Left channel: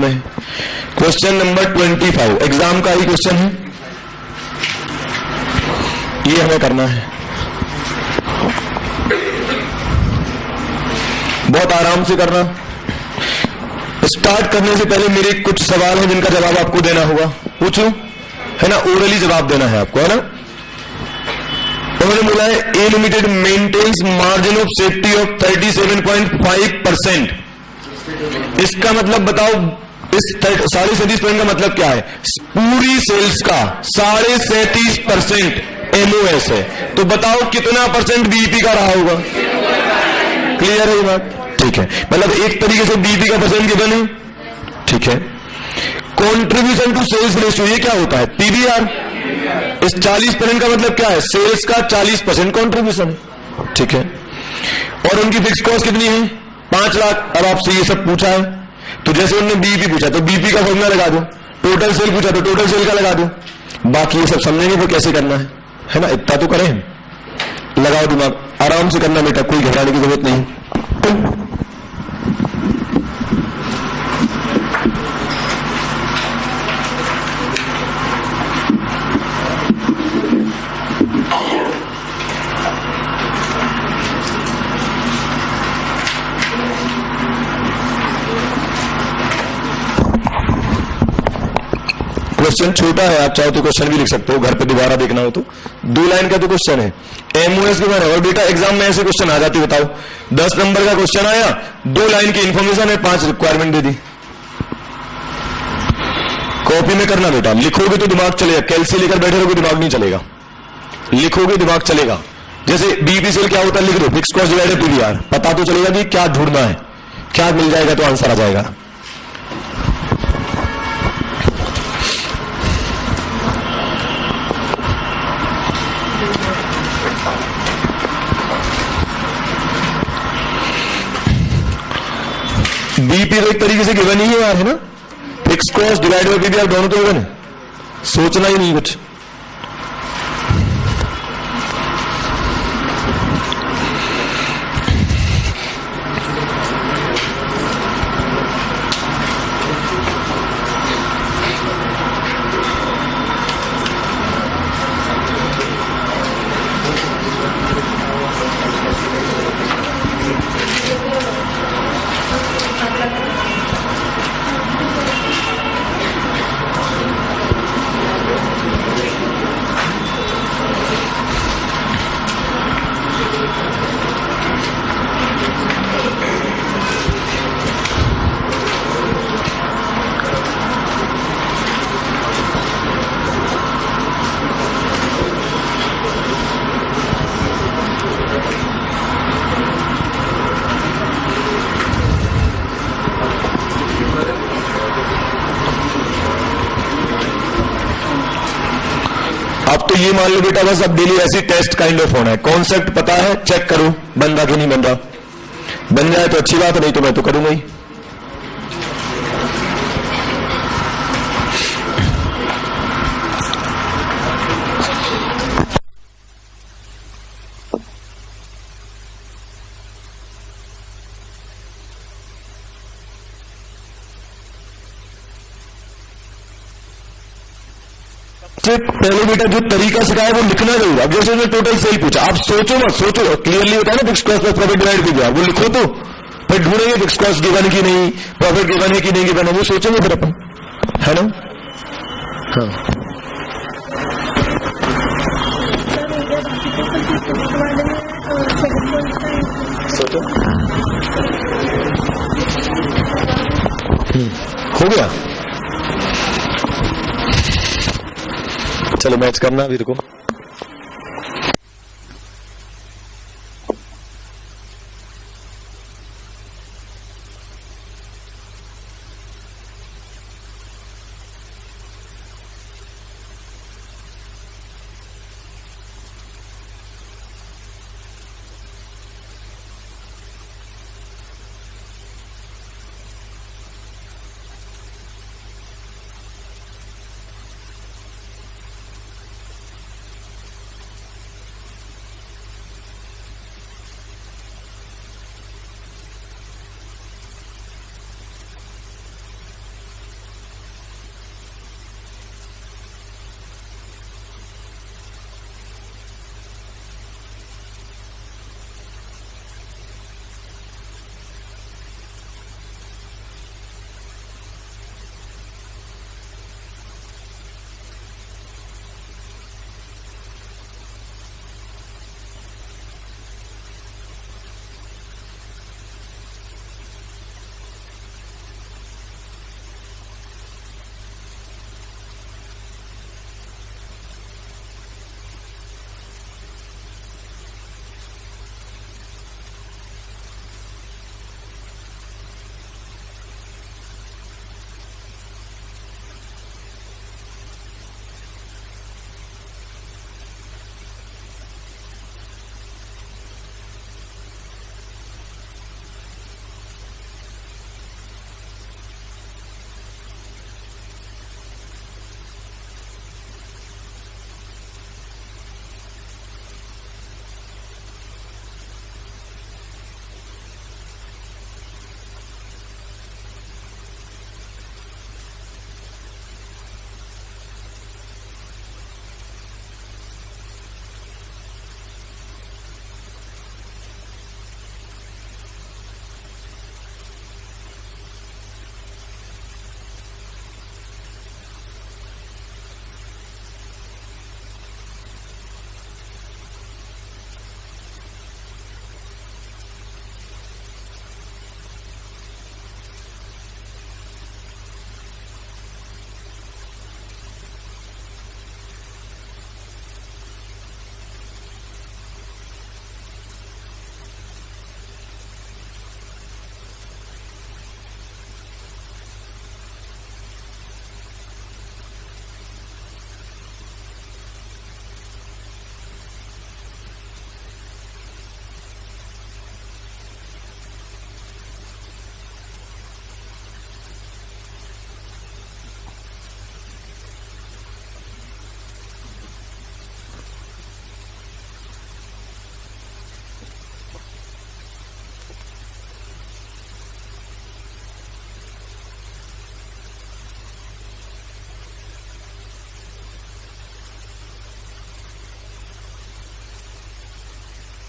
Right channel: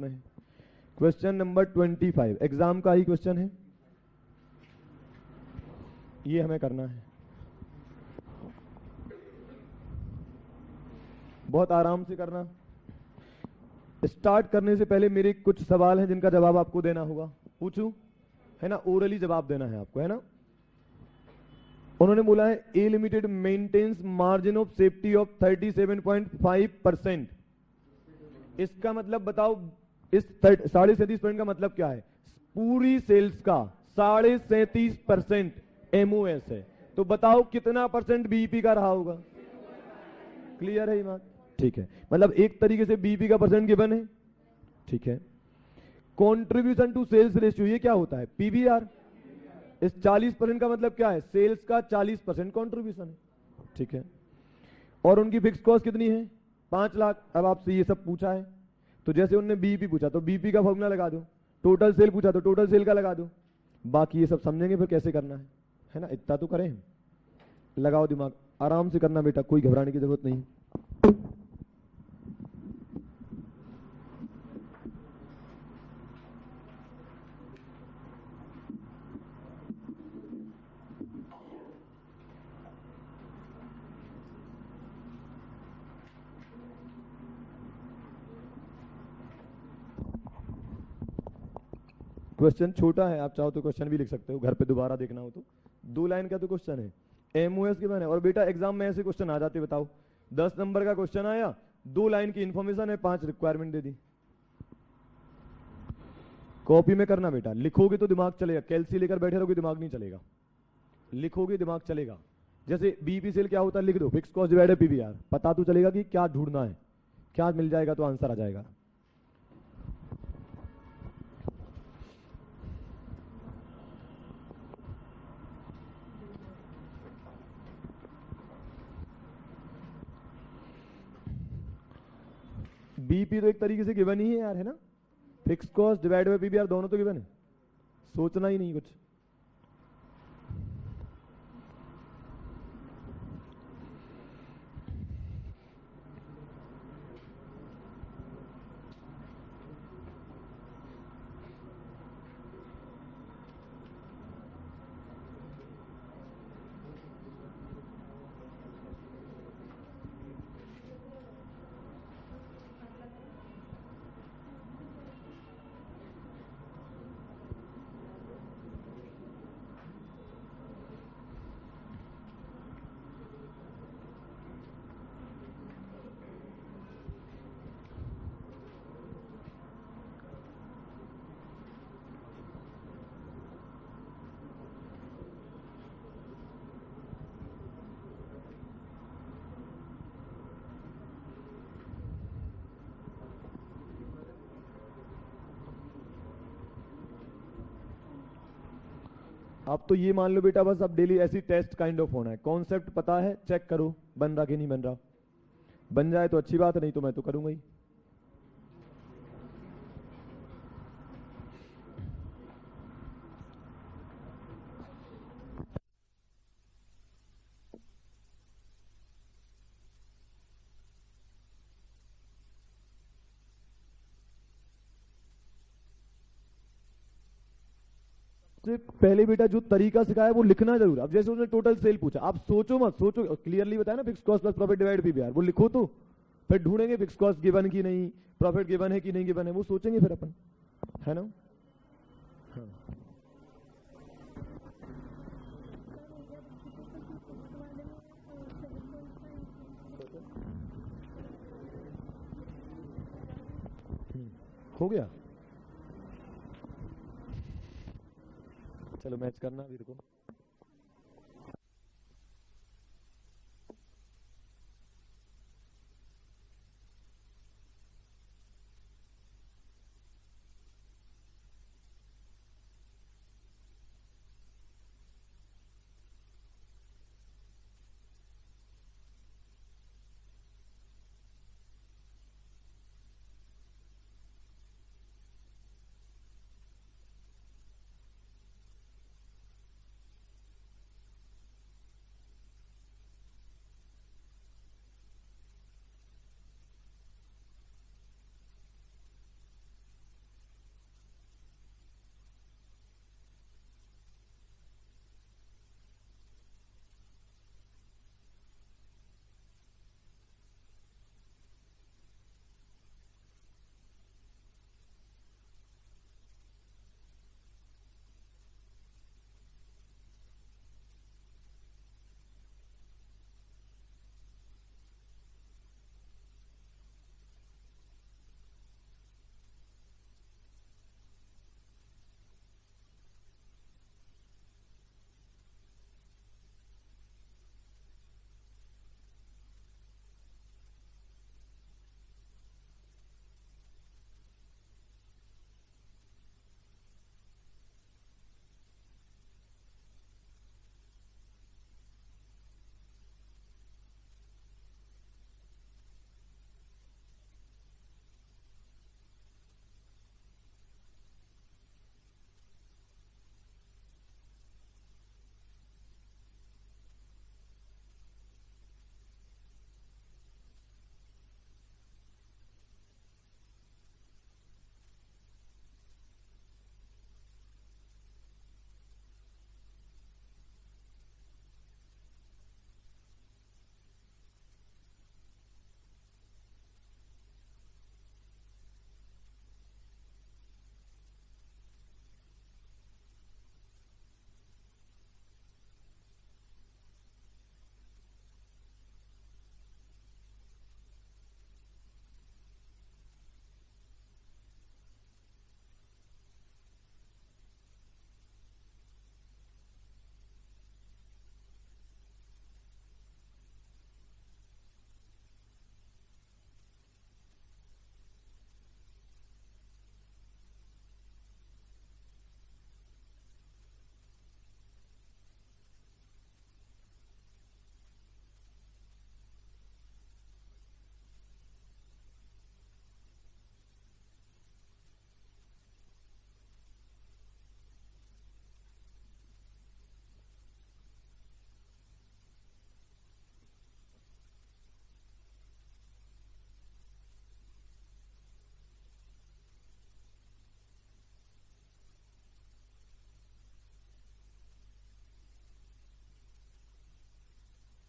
में question number 25 exam का ही question है, ये हमें करना है। बहुत आराम से करना। स्टार्ट करने से पहले मेरे कुछ सवाल हैं जिनका जवाब आपको देना होगा। पूछूं? है ना, ओरली जवाब देना है आपको, है ना। उन्होंने बोला है a limited maintenance margin of safety of 37.5%। इसका मतलब बताओ, इस 37.5% का मतलब क्या है? पूरी सेल्स का 37.5% एमओएस है। तो बताओ कितना परसेंट बीईपी का रहा होगा? क्लियर है ये बात? ठीक है, मतलब एक तरीके से बीईपी का परसेंट गिवन है। ठीक है, कॉन्ट्रीब्यूशन टू सेल्स रेशियो ये क्या होता है? पीवीआर। इस 40% का मतलब क्या है? सेल्स का 40% कॉन्ट्रीब्यूशन। ठीक है, और उनकी फिक्स कॉस्ट कितनी है? 5 लाख। अब आपसे ये सब पूछा है तो जैसे उन्होंने बीईपी पूछा तो बीईपी का फॉर्मूला लगा दो, टोटल सेल पूछा तो टोटल सेल का लगा दो। बाकी ये सब समझेंगे तो कैसे करना है ना, इतना तो करें। लगाओ दिमाग, आराम से करना बेटा, कोई घबराने की जरूरत नहीं। क्वेश्चन छोटा है, आप चाहो तो क्वेश्चन भी लिख सकते हो, घर पे दोबारा देखना हो तो। 2 लाइन का तो क्वेश्चन है एमओएस के बारे में। और बेटा एग्जाम में ऐसे क्वेश्चन आ जाती, बताओ 10 नंबर का क्वेश्चन आया, 2 लाइन की इंफॉर्मेशन है, 5 रिक्वायरमेंट दे दी। कॉपी में करना बेटा, लिखोगे तो दिमाग चलेगा, कैलसी लेकर बैठे रहोगे दिमाग नहीं चलेगा, लिखोगे दिमाग चलेगा। जैसे बीईपी सेल क्या होता है लिख दो, फिक्स कॉस्ट डिवाइडेड पीवीआर, पता तो चलेगा कि क्या ढूंढना है, क्या मिल जाएगा तो आंसर आ जाएगा। बीईपी तो एक तरीके से गिवन ही है यार, है ना। Fix cost divide bye PVR दोनों तो गिवन है, सोचना ही नहीं कुछ। अब तो ये मान लो बेटा बस अब डेली ऐसी टेस्ट काइंड ऑफ होना है। कॉन्सेप्ट पता है, चेक करो बन रहा कि नहीं बन रहा। बन जाए तो अच्छी बात है, नहीं तो मैं तो करूंगा ही। पहले बेटा जो तरीका सिखाया वो लिखना जरूर। अब जैसे उसने टोटल सेल पूछा, आप सोचो मत, सोचो क्लियरली होता है ना, fix cost plus profit divide कीजिए, वो लिखो तो फिर ढूंढेंगे फिक्स कॉस्ट गिवन की नहीं, प्रॉफिट गिवन है कि नहीं गिवन है, वो सोचेंगे फिर अपन, है ना। हाँ सोचो, हो गया। चलो मैच करना अभी, रुको।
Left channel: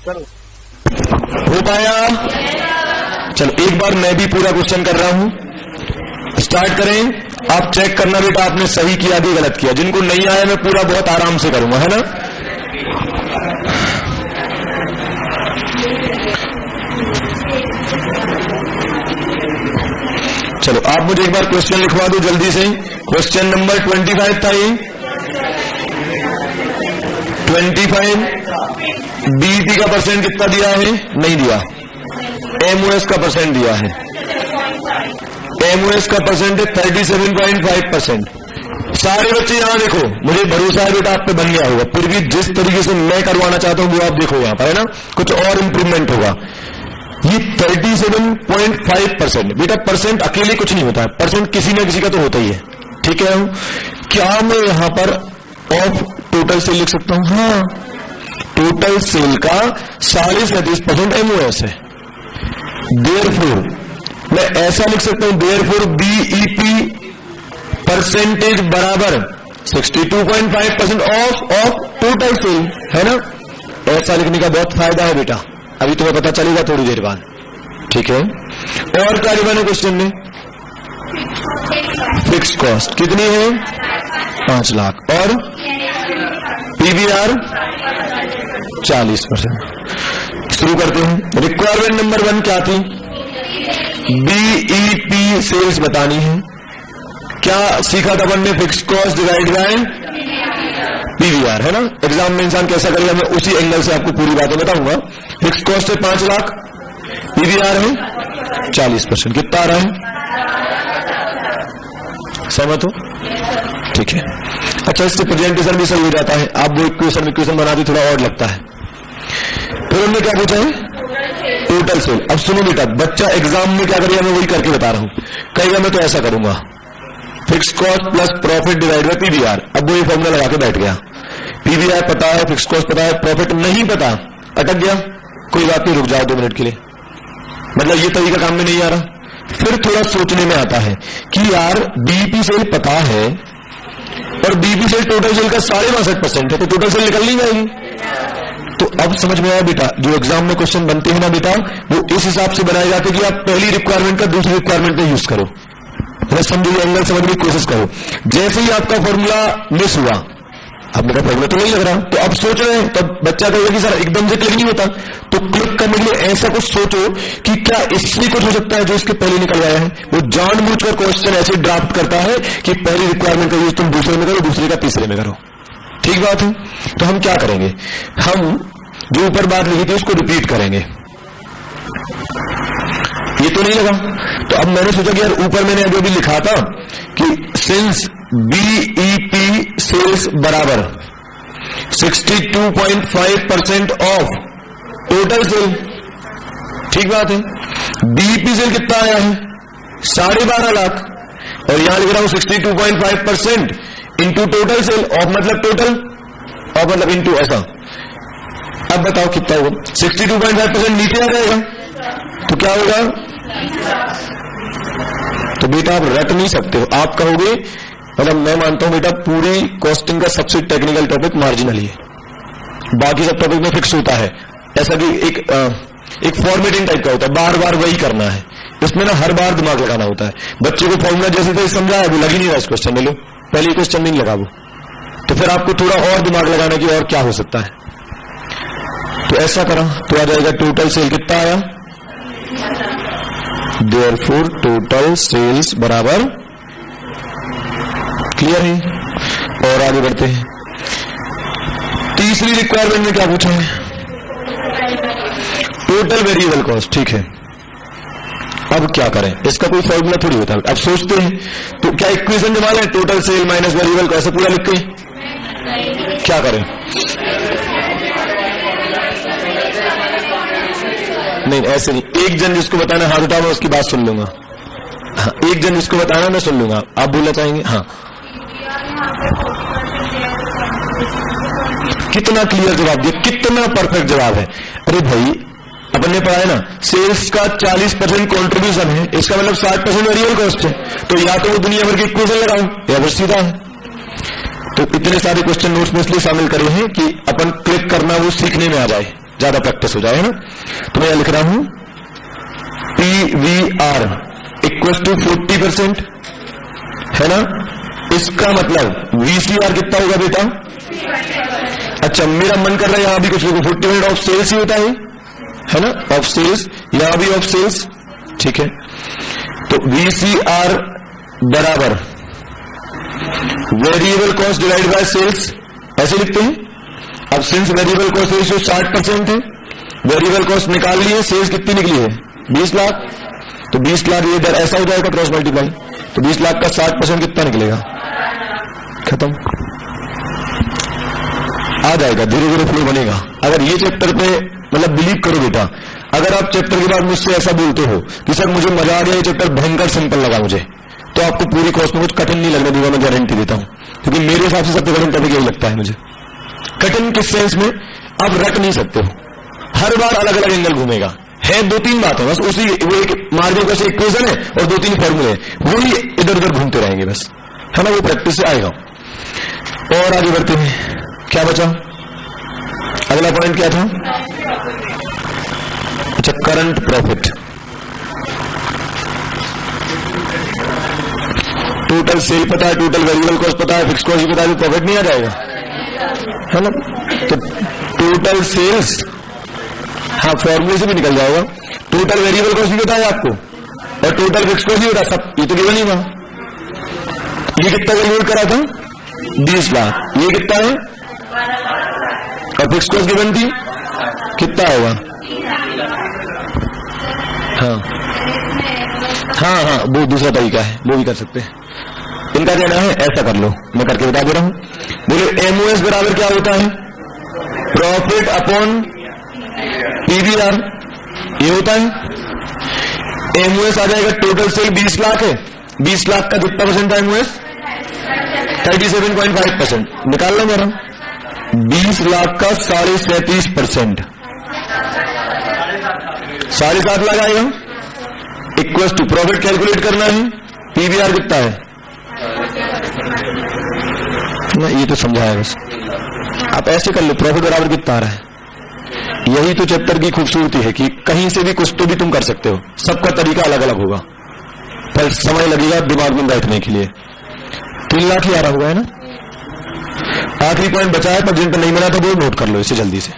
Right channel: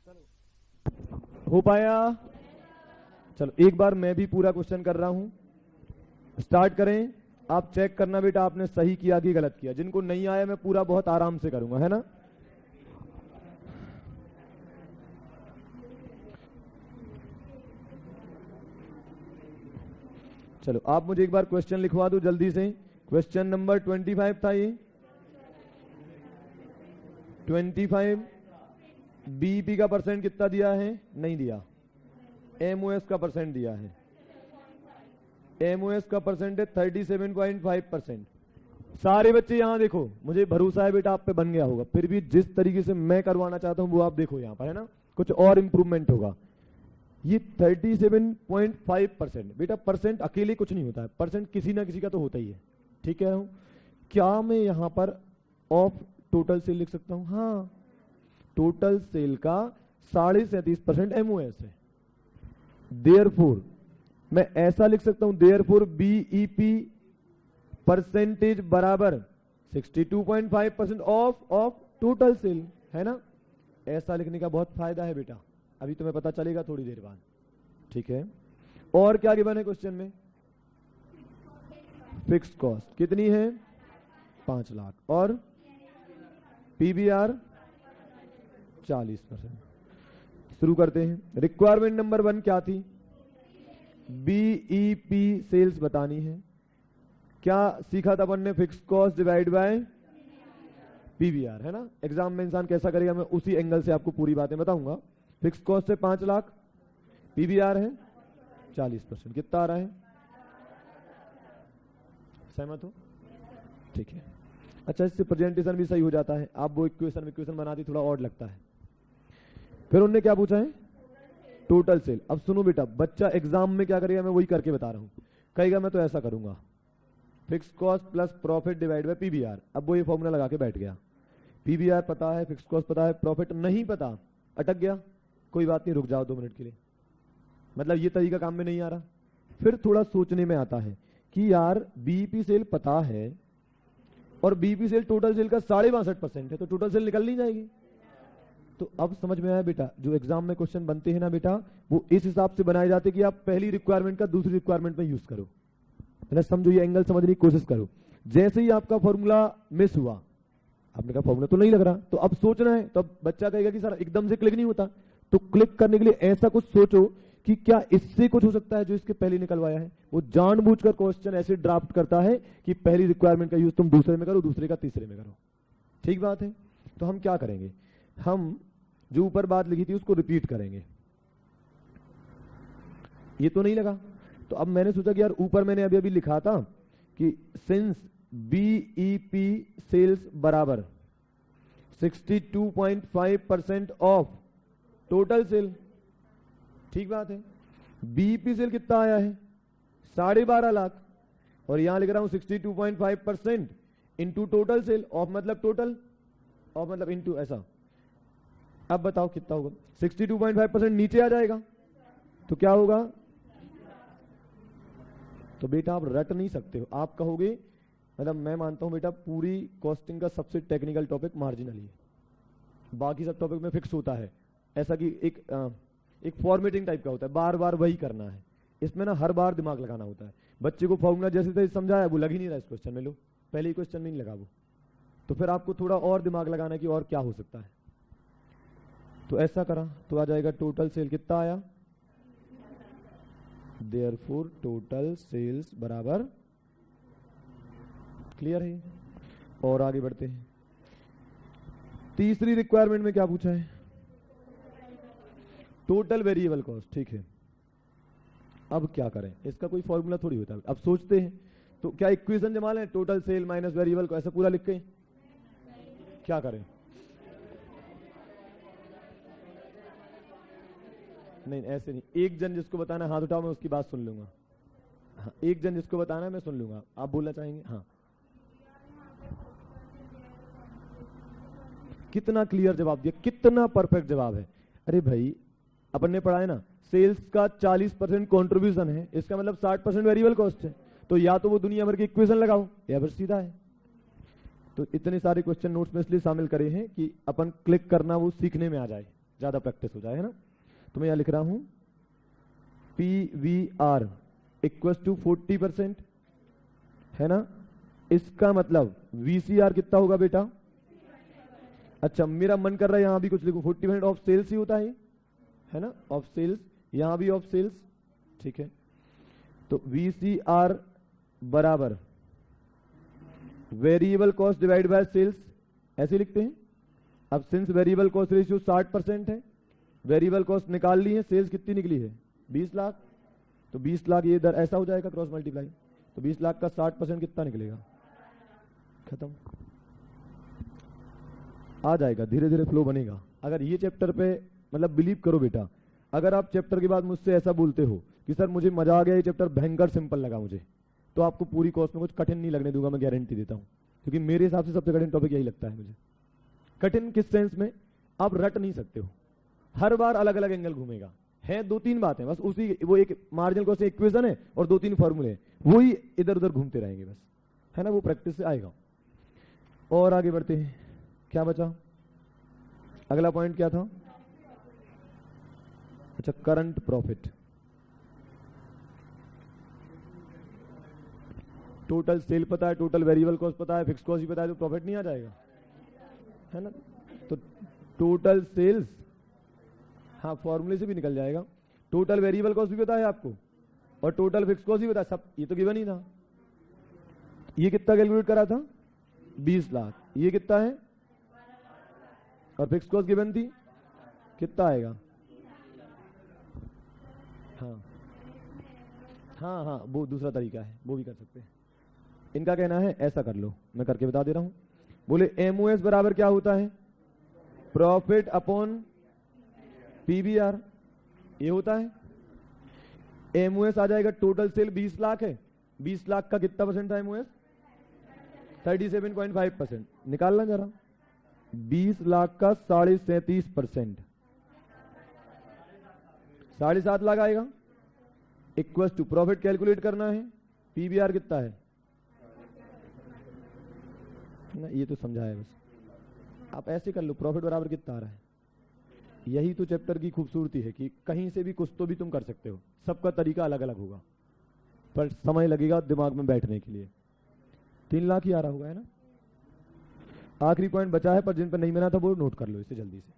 हो पाया? चलो एक बार मैं भी पूरा क्वेश्चन कर रहा हूं, स्टार्ट करें। आप चेक करना बेटा आपने सही किया कि गलत किया। जिनको नहीं आया मैं पूरा बहुत आराम से करूंगा, है ना। चलो आप मुझे एक बार क्वेश्चन लिखवा दो जल्दी से। क्वेश्चन नंबर 25 था ये, 25। बीईपी का परसेंट कितना दिया है? नहीं दिया। एमओएस का परसेंट दिया है। एमओएस का परसेंट है 37.5%। सारे बच्चे यहां देखो, मुझे भरोसा है बेटा आप पे बन गया होगा। फिर भी जिस तरीके से मैं करवाना चाहता हूं वो आप देखो यहां पर, है ना, कुछ और इंप्रूवमेंट होगा। ये 37.5% बेटा, परसेंट अकेले कुछ नहीं होता है, परसेंट किसी न किसी का तो होता ही है, ठीक है। क्या मैं यहां पर ऑफ टोटल सेल लिख सकता हूं? हाँ, टोटल सेल का 37.5% एमओएस है। देयरफॉर मैं ऐसा लिख सकता हूं, देयरफॉर बीईपी परसेंटेज बराबर 62.5% ऑफ टोटल सेल, है ना। ऐसा लिखने का बहुत फायदा है बेटा, अभी तुम्हें पता चलेगा थोड़ी देर बाद, ठीक है। और क्या लिखा है क्वेश्चन में? फिक्स कॉस्ट कितनी है? 5 लाख और पीवीआर 40%। शुरू करते हैं। रिक्वायरमेंट नंबर 1 क्या थी? बीईपी सेल्स बतानी है। क्या सीखा था अपन ने? Fix cost divide bye PVR, है ना। एग्जाम में इंसान कैसा करेगा मैं उसी एंगल से आपको पूरी बातें बताऊंगा। फिक्स कॉस्ट है 5 लाख, पीवीआर है 40%। कितना आ रहा है? सहमत हो? ठीक है। अच्छा, इससे प्रेजेंटेशन भी सही हो जाता है। आप वो इक्वेशन बनाते थोड़ा और लगता है। फिर हमने क्या पूछा है? Total sale. अब सुनो बेटा, बच्चा एग्जाम में क्या करेगा मैं वही करके बता रहा हूं। कहेगा मैं तो ऐसा करूंगा, fix cost plus profit divide by PVR. अब वो ये फॉर्मूला लगा के बैठ गया। पीवीआर पता है, फिक्स कॉस्ट पता है, प्रॉफिट नहीं पता, अटक गया। कोई बात नहीं, रुक जाओ 2 मिनट के लिए। मतलब ये तरीका काम में नहीं आ रहा। फिर थोड़ा सोचने में आता है कि यार बीईपी सेल पता है और बीईपी सेल टोटल सेल का 62.5% है, तो टोटल सेल निकल नहीं जाएगी। तो अब समझ में आया बेटा, जो एग्जाम में क्वेश्चन बनते हैं ना बेटा, वो इस हिसाब से बनाए जाते कि आप पहली रिक्वायरमेंट का दूसरी रिक्वायरमेंट में यूज करो। समझो, एंगल समझने की कोशिश करो। जैसे ही आपका फॉर्मूला मिस हुआ, आपने कहा फॉर्मूला तो नहीं लग रहा, तो अब सोच रहे हैं, तब बच्चा कहेगा कि सर एकदम से क्लिक नहीं होता। तो क्लिक करने के लिए ऐसा कुछ सोचो कि क्या इससे कुछ हो सकता है जो इसके पहले निकल आया है। वो जानबूझकर क्वेश्चन ऐसे ड्राफ्ट करता है कि पहली रिक्वायरमेंट का यूज तुम दूसरे में करो, दूसरे का तीसरे में करो। ठीक बात है। तो हम क्या करेंगे, हम जो ऊपर बात लिखी थी उसको रिपीट करेंगे। ये तो नहीं लगा, तो अब मैंने सोचा कि यार ऊपर मैंने अभी लिखा था कि सिंस बीईपी सेल्स बराबर 62.5% ऑफ टोटल सेल। ठीक बात है। बीईपी सेल कितना आया है? 12.5 लाख, और यहां लिख रहा हूं 62.5% इंटू टोटल सेल। ऑफ मतलब टोटल, ऑफ मतलब इंटू, ऐसा। अब बताओ कितना होगा? 62.5% नीचे आ जाएगा तो क्या होगा? तो बेटा आप रट नहीं सकते हो। आप कहोगे, मतलब मैं मानता हूं बेटा पूरी कॉस्टिंग का सबसे टेक्निकल टॉपिक मार्जिनल ही है, बाकी सब टॉपिक में फिक्स होता है। ऐसा कि एक फॉर्मेटिंग टाइप का होता है, बार बार वही करना है। इसमें ना हर बार दिमाग लगाना होता है। बच्चे को फॉर्मूला जैसे तैसे समझाया, वो लग ही नहीं रहा इस क्वेश्चन में। लो पहले क्वेश्चन में नहीं लगा वो, तो फिर आपको थोड़ा और दिमाग लगाना कि और क्या हो सकता है। तो ऐसा करा तो आ जाएगा टोटल सेल कितना आया? देयरफॉर टोटल सेल्स बराबर, क्लियर है। और आगे बढ़ते हैं। तीसरी रिक्वायरमेंट में क्या पूछा है? Total variable cost. ठीक है, अब क्या करें? इसका कोई फॉर्मूला थोड़ी होता है। अब सोचते हैं तो क्या इक्वेशन जमा लें, total sale minus variable cost, ऐसे पूरा लिख के क्या करें? नहीं ऐसे नहीं। एक जन जिसको बताना हाथ उठाओ, मैं उसकी बात सुन लूंगा। हाँ, एक जन जिसको बताना मैं सुन लूंगा। आप बोलना चाहेंगे? हाँ। कितना क्लियर जवाब दिया, कितना परफेक्ट जवाब है। अरे भाई अपन ने पढ़ा है ना, सेल्स का 40% कॉन्ट्रीब्यूशन है, इसका मतलब 60% वेरिएबल कॉस्ट है। तो या तो वो दुनिया भर की इक्वेशन लगाओ या फिर सीधा है। तो इतने सारे क्वेश्चन नोट्स में इसलिए शामिल करे हैं कि अपन क्लिक करना वो सीखने में आ जाए। ज्यादा प्रैक्टिस हो जाए, है ना। तो मैं यहां लिख रहा हूं PVR इक्वल टू 40%, है ना। इसका मतलब VCR कितना होगा बेटा? अच्छा, मेरा मन कर रहा है यहां भी कुछ लोगों 40% ऑफ सेल्स ही होता है ना, ऑफ सेल्स, यहां भी ऑफ सेल्स, ठीक है। तो VCR बराबर variable cost divide by sales, ऐसे लिखते हैं। अब सिंस वेरिएबल कॉस्ट रेशियो 60% है, वेरिएबल कॉस्ट निकाल लिए, सेल्स कितनी निकली है? 20 लाख। तो 20 लाख ये इधर ऐसा हो जाएगा क्रॉस मल्टीप्लाई, तो 20 लाख का 60% कितना निकलेगा? खत्म, आ जाएगा, धीरे धीरे फ्लो बनेगा। अगर ये चैप्टर पे मतलब बिलीव करो बेटा, अगर आप चैप्टर के बाद मुझसे ऐसा बोलते हो कि सर मुझे मजा आ गया, ये चैप्टर भयंकर सिंपल लगा मुझे, तो आपको पूरी कोर्स में कुछ कठिन नहीं लगने दूंगा, मैं गारंटी देता हूं। क्योंकि मेरे हिसाब से सबसे कठिन टॉपिक यही लगता है मुझे। कठिन किस सेंस में? आप रट नहीं सकते हो, हर बार अलग अलग एंगल घूमेगा। है 2-3 बातें बस, उसी वो एक मार्जिन का इक्वेशन है और 2-3 फॉर्मूले, वही इधर उधर घूमते रहेंगे बस, है ना। वो प्रैक्टिस से आएगा। और आगे बढ़ते हैं, क्या बचा? अगला पॉइंट क्या था? अच्छा, करंट प्रॉफिट। टोटल सेल पता है, टोटल वेरिएबल कॉस्ट पता है, फिक्स कॉस्ट भी पता है, तो प्रॉफिट नहीं आ जाएगा, है ना। तो टोटल सेल्स, हाँ फॉर्मूले से भी निकल जाएगा। टोटल वेरिएबल कॉस्ट भी पता है आपको और टोटल फिक्स कॉस्ट भी पता, सब ये तो गिवन ही था। ये कितना कैलकुलेट करा था? 20 लाख। ये कितना है? और फिक्स कॉस्ट गिवन थी कितना होगा? हाँ, वो दूसरा तरीका है, वो भी कर सकते हैं। इनका कहना है ऐसा कर लो, मैं करके बता दे रहा हूं। बोले MOS बराबर क्या होता है? प्रॉफिट अपॉन PVR, ये होता है। MOS आ जाएगा, टोटल सेल 20 लाख है, 20 लाख का कितना परसेंट था MOS? 37.5%। निकाल लो मेरा, 20 लाख का 37.5%, 7.5 लाख आएगा। इक्वल टू प्रॉफिट कैलकुलेट करना है, PVR कितना है ना, ये तो समझा है बस। आप ऐसे कर लो, प्रॉफिट बराबर कितना आ रहा है। यही तो चैप्टर की खूबसूरती है कि कहीं से भी कुछ तो भी तुम कर सकते हो, सबका तरीका अलग अलग होगा, पर समय लगेगा दिमाग में बैठने के लिए। 3 लाख ही आ रहा होगा, है ना। आखिरी पॉइंट बचा है, पर जिन पर नहीं बना था वो नोट कर लो इसे जल्दी से।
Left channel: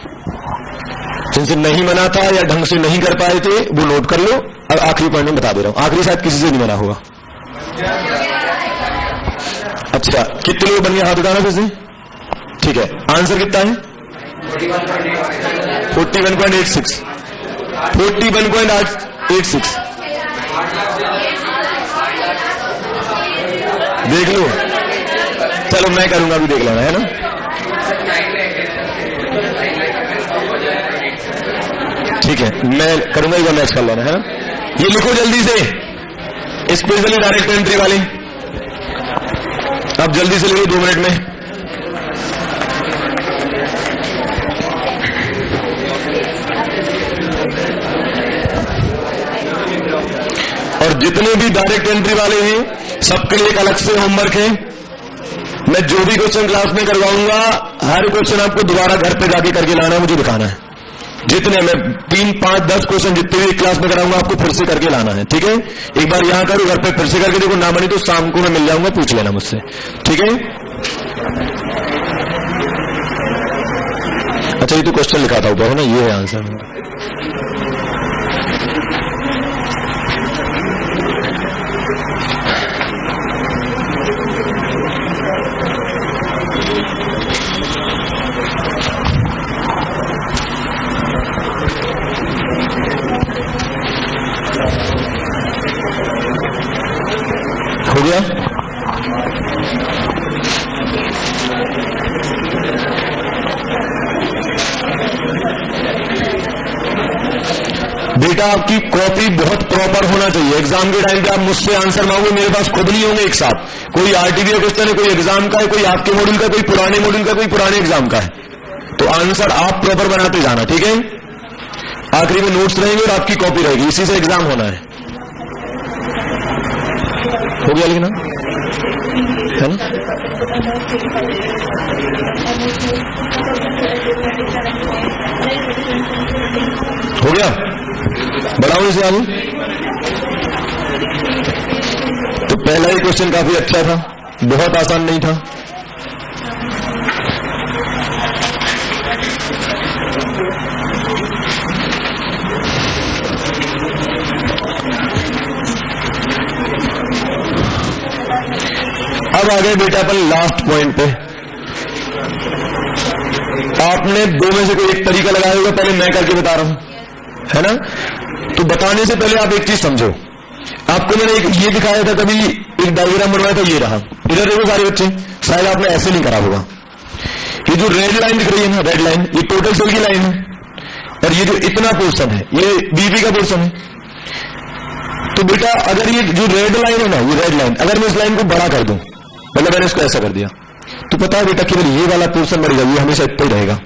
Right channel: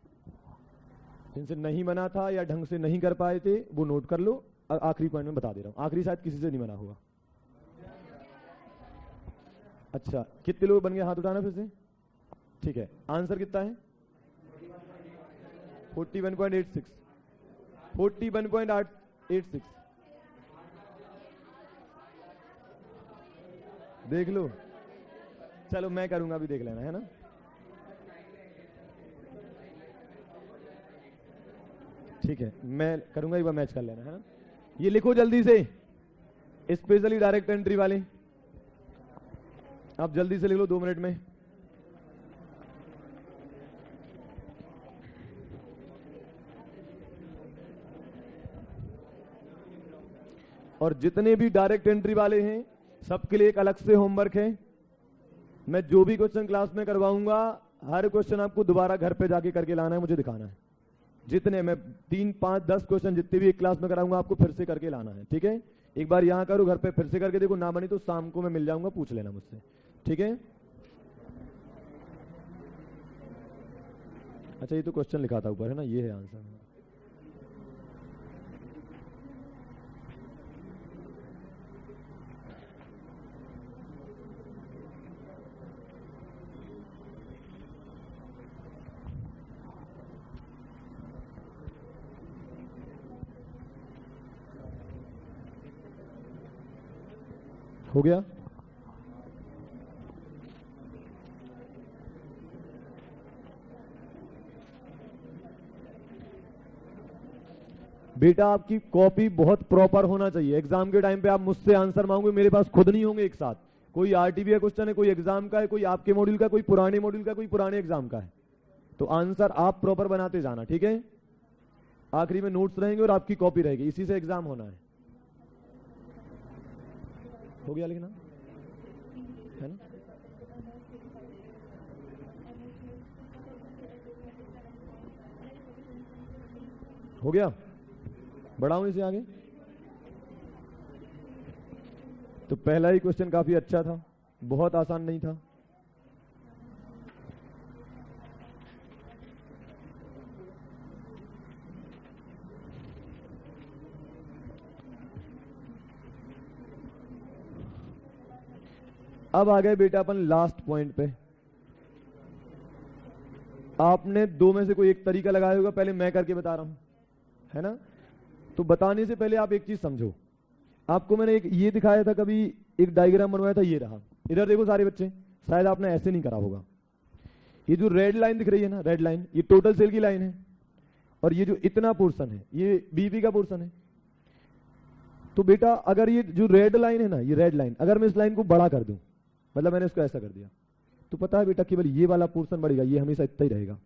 जिनसे नहीं बना था या ढंग से नहीं कर पाए थे वो नोट कर लो। और आखिरी पॉइंट में बता दे रहा हूं, आखिरी शायद किसी से नहीं बना होगा। अच्छा, कितने लोग बन गए? हाथ उठाना फिर से, ठीक है। आंसर कितना है? 41.86, 41.86। देख लो, चलो मैं करूंगा, अभी देख लेना, है ना। ठीक है, मैं करूंगा, एक बार मैच कर लेना, है ना। ये लिखो जल्दी से, स्पेशली डायरेक्ट एंट्री वाले, अब जल्दी से ले लो 2 मिनट में। और जितने भी डायरेक्ट एंट्री वाले हैं सबके लिए एक अलग से होमवर्क है। मैं जो भी क्वेश्चन क्लास में करवाऊंगा, हर क्वेश्चन आपको दोबारा घर पे जाके करके लाना है, मुझे दिखाना है। जितने मैं 3, 5, 10 क्वेश्चन जितने भी क्लास में कराऊंगा आपको फिर से करके लाना है, ठीक है। एक बार यहां करो, घर पे फिर से करके देखो, ना बनी तो शाम को मैं मिल जाऊंगा, पूछ लेना मुझसे, ठीक है। अच्छा, ये तो क्वेश्चन लिखा था ऊपर, है ना, ये है आंसर। हो गया? बेटा आपकी कॉपी बहुत प्रॉपर होना चाहिए। एग्जाम के टाइम पे आप मुझसे आंसर मांगोगे, मेरे पास खुद नहीं होंगे एक साथ। कोई आरटीवी क्वेश्चन है, कोई एग्जाम का है, कोई आपके मॉड्यूल का, कोई पुराने मॉड्यूल का, कोई पुराने एग्जाम का है। तो आंसर आप प्रॉपर बनाते जाना, ठीक है। आखिरी में नोट्स रहेंगे और आपकी कॉपी रहेगी, इसी से एग्जाम होना है। हो गया लिखना है ना? हो गया, बढ़ाओ इसे आगे। तो पहला ही क्वेश्चन काफी अच्छा था, बहुत आसान नहीं था। अब आ गए बेटा अपन लास्ट पॉइंट पे। आपने दो में से कोई एक तरीका लगाया होगा, पहले मैं करके बता रहा हूं, है ना? तो बताने से पहले आप एक चीज समझो। आपको मैंने एक ये दिखाया था, कभी एक डायग्राम बनवाया था, ये रहा। इधर देखो सारे बच्चे, शायद आपने ऐसे नहीं करा होगा। ये जो रेड लाइन दिख रही है ना, रेड लाइन, ये टोटल सेल की लाइन है, और ये जो इतना पोर्शन है ये बीपी का पोर्शन है। तो बेटा अगर ये जो रेड लाइन है ना, ये रेड लाइन, अगर मैं इस लाइन को बड़ा कर दूं, मतलब मैंने इसको ऐसा कर दिया, तो पता है बेटा केवल ये वाला पोर्शन बढ़ेगा, ये हमेशा इतना ही रहेगा।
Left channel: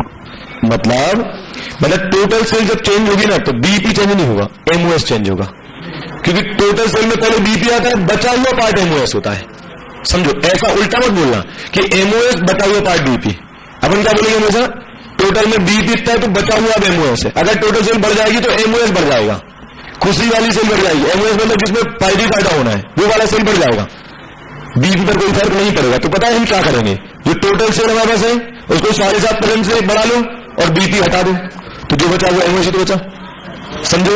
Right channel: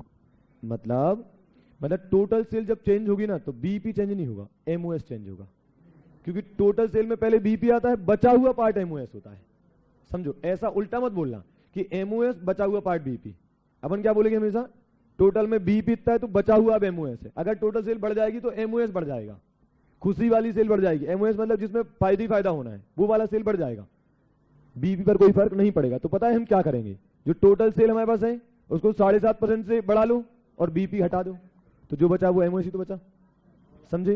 मतलब टोटल सेल जब चेंज होगी ना, तो बीपी चेंज नहीं होगा, एमओएस चेंज होगा। क्योंकि टोटल सेल में पहले बीपी आता है, बचा हुआ पार्ट एमओएस होता है। समझो, ऐसा उल्टा मत बोलना कि एमओएस बचा हुआ पार्ट बीपी। अपन क्या बोलेंगे हमेशा, टोटल में बीपी इतना है तो बचा हुआ अब एमओएस है। अगर टोटल सेल बढ़ जाएगी तो एमओएस बढ़ जाएगा, खुशी वाली सेल बढ़ जाएगी। एमओएस मतलब जिसमें फायदे फायदा होना है, वो वाला सेल बढ़ जाएगा, बीपी पर कोई फर्क नहीं पड़ेगा। तो पता है हम क्या करेंगे, जो टोटल सेल हमारे पास है उसको 7.5% से बढ़ा लो और बीपी हटा दो, तो जो बचा वो एमओएस तो बचा। समझे?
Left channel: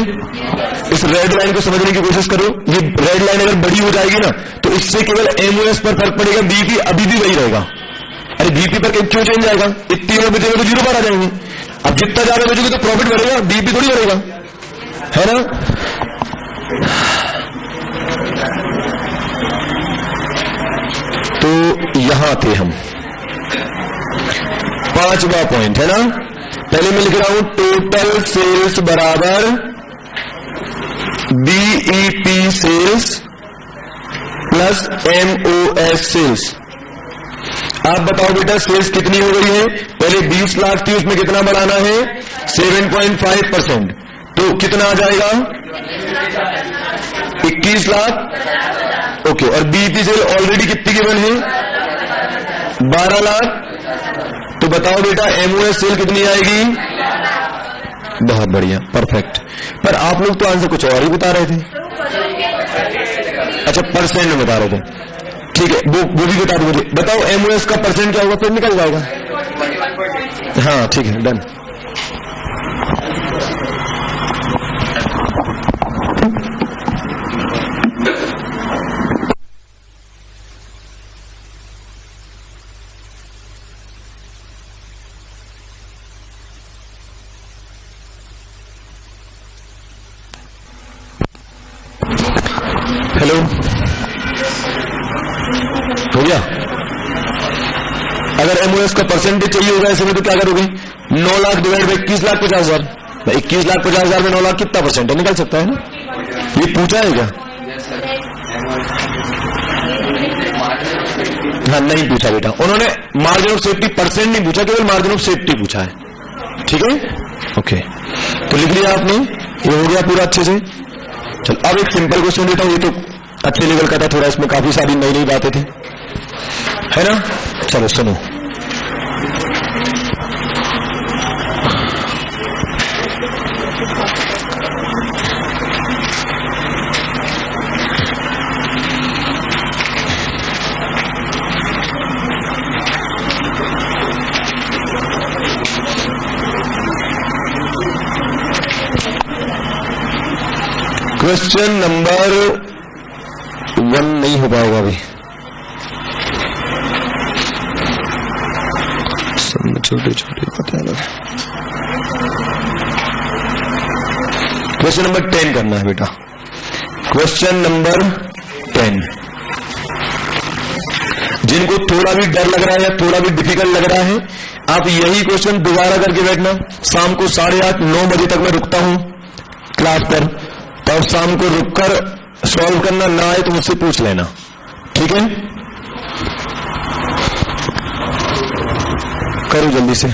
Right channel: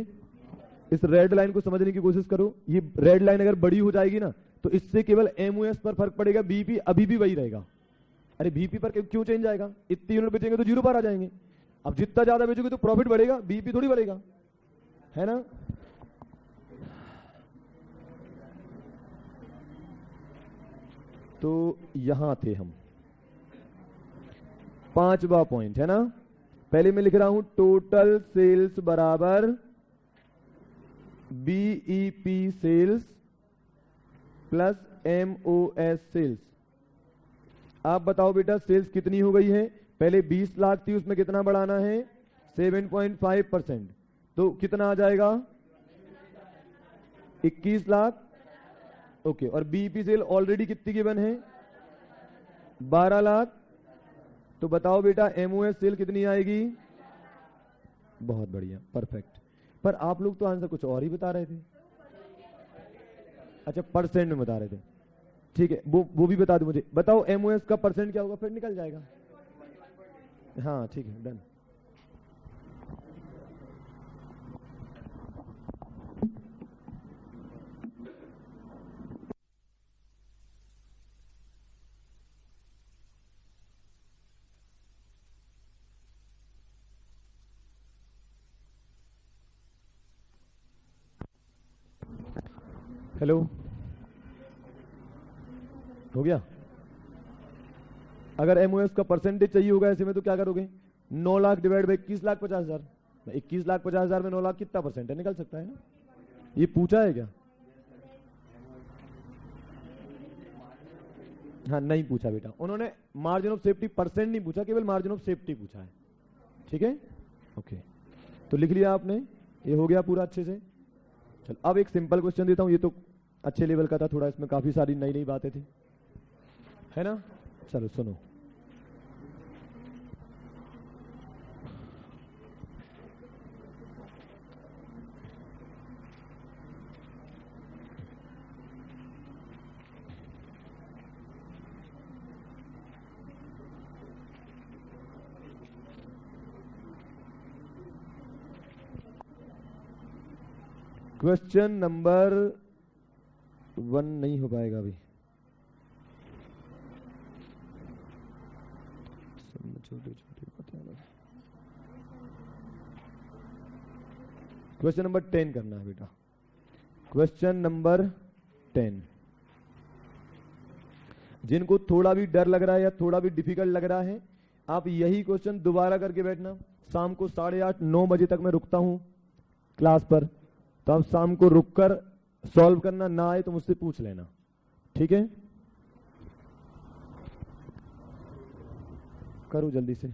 इस रेड लाइन को समझने की कोशिश करो। ये रेड लाइन अगर बड़ी हो जाएगी ना, तो इससे केवल एमओएस पर फर्क पड़ेगा, बीपी अभी भी वही रहेगा। अरे बीपी पर क्यों चेंज आएगा, इतनी में बचेगा तो 0 पर आ जाएंगे। अब जितना ज्यादा बचेगा तो प्रॉफिट बढ़ेगा, बीपी थोड़ी बढ़ेगा, है ना? तो यहां थे हम, 5वां पॉइंट है ना। पहले मैं लिख रहा हूं टोटल सेल्स बराबर BEP sales plus MOS sales. आप बताओ बेटा सेल्स कितनी हो गई है? पहले 20 लाख थी, उसमें कितना बढ़ाना है? 7.5%। तो कितना आ जाएगा? 21 लाख। ओके, और बीईपी सेल ऑलरेडी कितनी गिवन है? 12 लाख। तो बताओ बेटा एमओएस सेल कितनी आएगी? बहुत बढ़िया, परफेक्ट। पर आप लोग तो आंसर कुछ और ही बता रहे थे। अच्छा, परसेंट में बता रहे थे, ठीक है, वो भी बता दो मुझे। बताओ एमओएस का परसेंट क्या होगा, फिर निकल जाएगा। हाँ ठीक है, डन। हेलो, हो गया? अगर एमओएस का परसेंटेज चाहिए होगा ऐसे में तो क्या करोगे? 9 लाख डिवाइड बाई 21,50,000। 21,50,000 में 9 लाख कितना परसेंट है? निकल सकता है ना? ये पूछा है क्या? हाँ, नहीं पूछा बेटा, उन्होंने मार्जिन ऑफ सेफ्टी परसेंट नहीं पूछा, केवल मार्जिन ऑफ सेफ्टी पूछा है। ठीक है, ओके, तो लिख लिया आपने, ये हो गया पूरा अच्छे से। चल अब एक सिंपल क्वेश्चन देता हूं, ये तो अच्छे लेवल का था, थोड़ा इसमें काफी सारी नई नई बातें थी, है ना? चलो सुनो। क्वेश्चन नंबर 1 नहीं हो पाएगा अभी, छोटे छोटे पता है। क्वेश्चन नंबर 10 करना है बेटा, क्वेश्चन नंबर 10। जिनको थोड़ा भी डर लग रहा है या थोड़ा भी डिफिकल्ट लग रहा है, आप यही क्वेश्चन दोबारा करके बैठना। शाम को 8:30 9 बजे तक मैं रुकता हूं क्लास पर, तो शाम को रुककर सॉल्व करना, ना आए तो मुझसे पूछ लेना, ठीक है? करो जल्दी से।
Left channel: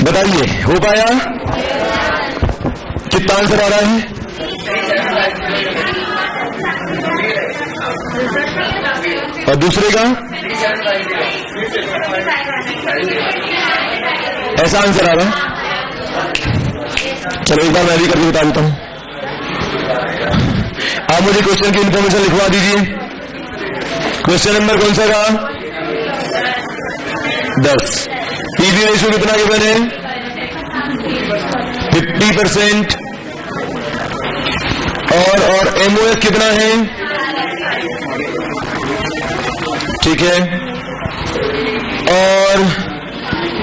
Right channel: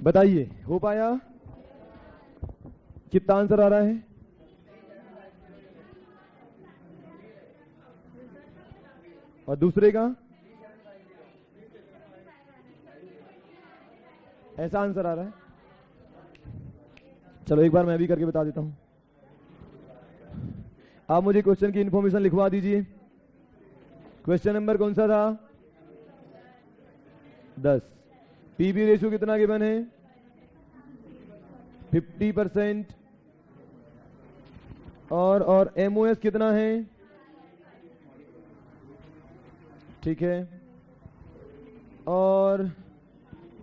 बताइए, हो पाया? कितना आंसर आ रहा है? और दूसरे का ऐसा आंसर आ रहा है? चलो एक बार मैं भी करके बता देता हूं। आप मुझे क्वेश्चन की इंफॉर्मेशन लिखवा दीजिए। क्वेश्चन नंबर कौन सा रहा? 10। पीवी रेशियो कितना गिवन है? 50%। और एमओएस कितना है? ठीक है। और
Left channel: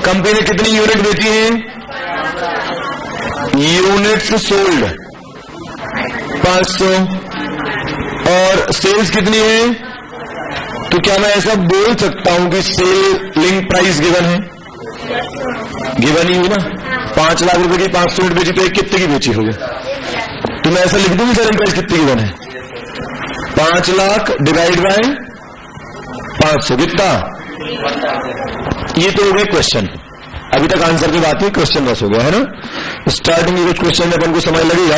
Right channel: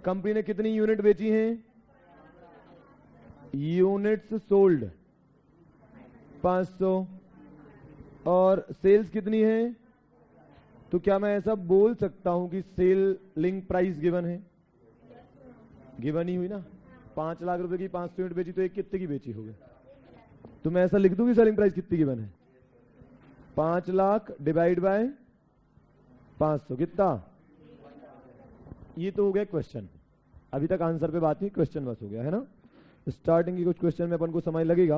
कंपनी ने कितनी यूनिट बेची है? Units sold 500। और सेल्स कितनी है? तो क्या मैं ऐसा बोल सकता हूं कि सेल लिंक प्राइस गिवन है? गिवन ही हुई ना। 5 लाख रुपए की 500 यूनिट बेची तो एक कितने की बेची होगी? तो मैं ऐसा लिख दूंगी सेलिंग प्राइस कितनी गिवन है? 5 लाख डिवाइड बाय 500 कितना? ये तो हो गया क्वेश्चन। अभी तक आंसर की बात है, क्वेश्चन बस हो गया है ना। स्टार्टिंग के कुछ क्वेश्चन में अपन को समय लगेगा,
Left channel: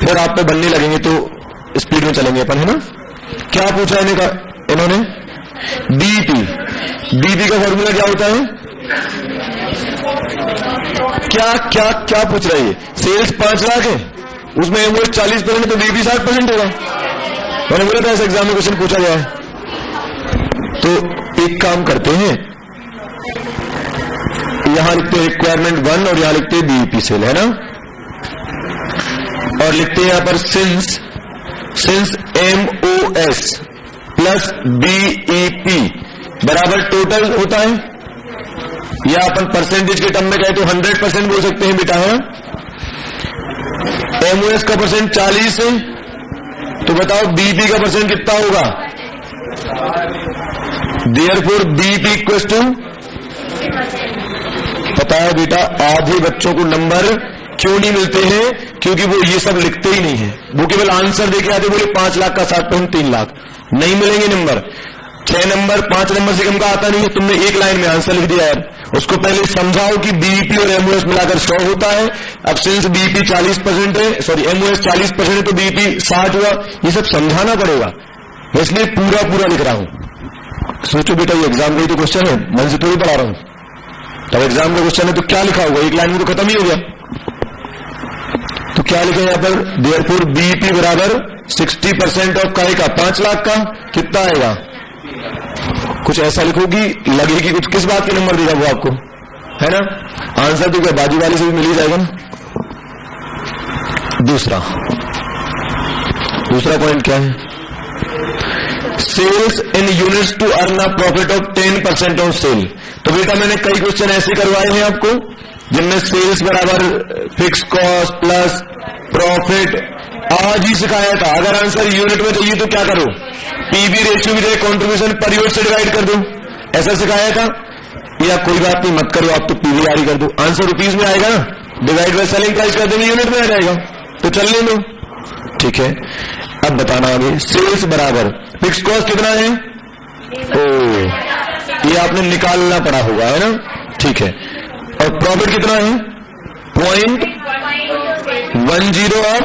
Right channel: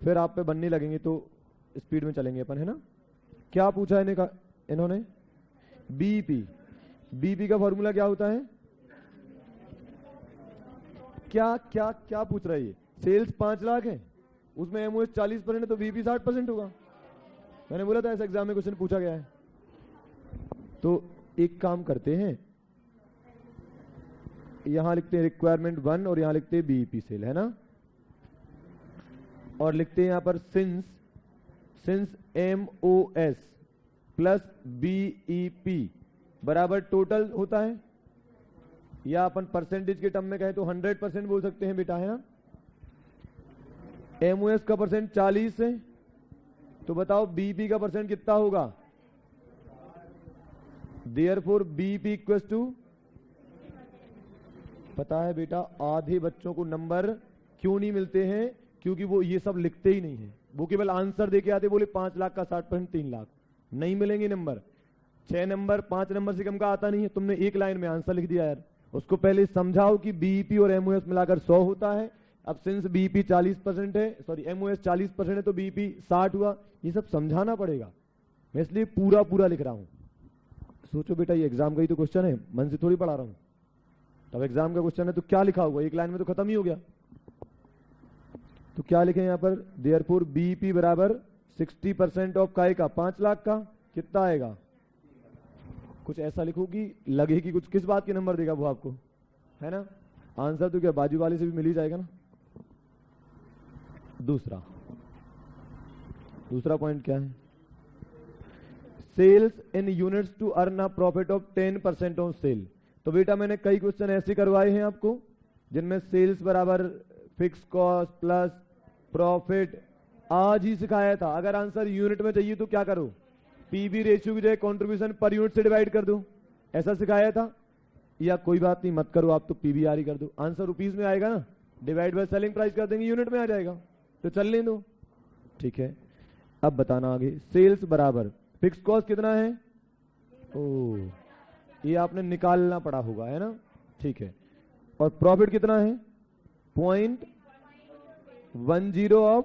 फिर आप पे बनने लगेंगे तो स्पीड में चलेंगे अपन, है ना। क्या पूछा इन्होंने? बीईपी। बीईपी का फॉर्मूला क्या होता है? क्या क्या क्या पूछ रहा है? सेल्स 5 लाख है, उसमें एमओएस 40% तो बीईपी 60% होगा। मैंने बोला था ऐसे एग्जाम में क्वेश्चन पूछा गया है। तो एक काम करते हैं, यहां लिखते हैं रिक्वायरमेंट 1 और यहां लिखते हैं बीईपी सेल, है ना। और लिखते हैं यहां पर सिंस एमओएस प्लस बीईपी बराबर टोटल होता है, या अपन परसेंटेज के टर्म में कहें तो 100% बोल सकते हैं बेटा, है। एमओएस का परसेंट 40 है, तो बताओ बीईपी का परसेंट कितना होगा? देयरफॉर बीईपी इक्वल्स टू, पता है बेटा आधे बच्चों को नंबर क्यों नहीं मिलते हैं? क्योंकि वो ये सब लिखते ही नहीं है, वो केवल आंसर देके आते, बोले 5 लाख का 60% 3 लाख, नहीं मिलेंगे नंबर। 6 नंबर 5 नंबर से कम का आता नहीं है। तुमने एक लाइन में आंसर लिख दिया यार, उसको पहले समझाओ कि बीईपी और एमओएस मिलाकर 100 होता है। अब सिंस बीईपी 40% है, सॉरी एमओएस 40% है, तो बीईपी 60 हुआ। ये सब समझाना पड़ेगा, इसलिए पूरा लिख रहा हूं। सोचो बेटा ये एग्जाम का ही तो क्वेश्चन है, मन से थोड़ी पढ़ा रहा हूं। तब एग्जाम का क्वेश्चन है तो क्या लिखा होगा? एक लाइन में तो खत्म ही हो गया। तो क्या लिखा है यहां पर? देयरफॉर बीईपी बराबर 60% ऑफ काय का 5 लाख का कितना आएगा? कुछ ऐसा लिखोगी लगे कि कुछ किस बात के नंबर देगा वो आपको, है ना। आंसर तो क्या बाजू वाले से भी मिल ही जाएगा ना। दूसरा पॉइंट क्या है? Sales in units to earn a profit of 10% on sale. तो बेटा मैंने कई क्वेश्चन ऐसे करवाए हैं आपको जिनमें सेल्स बराबर फिक्स कॉस्ट प्लस प्रॉफिट आज ही सिखाया था। अगर आंसर यूनिट में चाहिए तो क्या करो? पीवी रेशियो भी दे, कंट्रीब्यूशन पर यूनिट से डिवाइड कर दो, ऐसा सिखाया था। या कोई बात नहीं मत करो, आप तो पीवीआर ही कर दो, आंसर रुपीज में आएगा ना, डिवाइड बाय सेलिंग प्राइस कर देंगे, यूनिट में आ जाएगा, तो चलने दो। ठीक है, अब बताना आगे। सेल्स बराबर फिक्स कॉस्ट कितना है? ये आपने निकालना पड़ा होगा, है ना। ठीक है, और प्रॉफिट कितना है? 0.10 ऑफ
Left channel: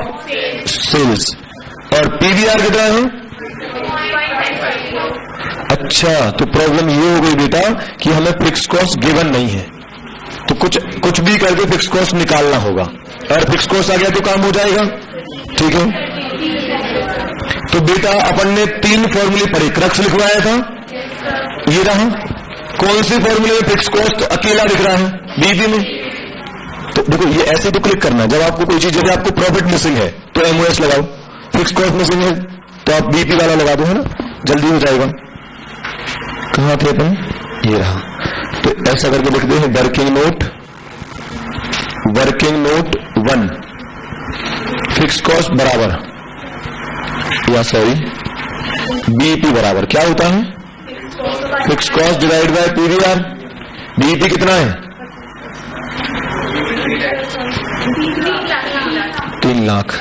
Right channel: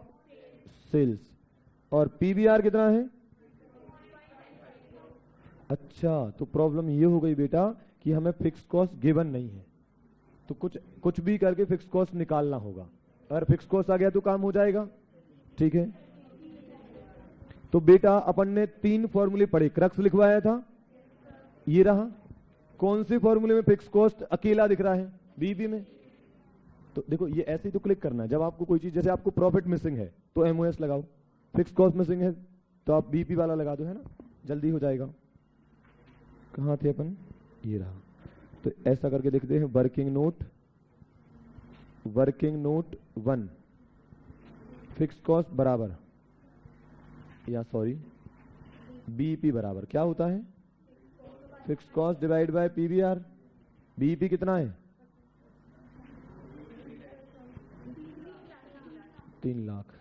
सेल्स। और पीवीआर कितना है? अच्छा, तो प्रॉब्लम ये हो गई बेटा कि हमें फिक्स कॉस्ट गिवन नहीं है, तो कुछ भी करके फिक्स कॉस्ट निकालना होगा। और फिक्स कॉस्ट आ गया तो काम हो जाएगा। ठीक है, तो बेटा अपन ने 3 फॉर्मूले पढ़े, क्रक्स लिखवाया था, ये रहा। कौन से फॉर्मूले में फिक्स कॉस्ट अकेला दिख रहा है? बीईपी में। तो देखो ये ऐसे तो क्लिक करना, जब आपको कोई चीज, जब आपको प्रॉफिट मिसिंग है तो एमओएस लगाओ, फिक्स कॉस्ट मिसिंग है तो आप बीईपी वाला लगा दो, है ना, जल्दी हो जाएगा। कहां थे अपन? ये रहा। तो ऐसा करके लिख they working note 1 fix cost बराबर, या सॉरी बीईपी बराबर क्या होता है? Fix cost divide bye PVR. BEP कितना है? 3 लाख।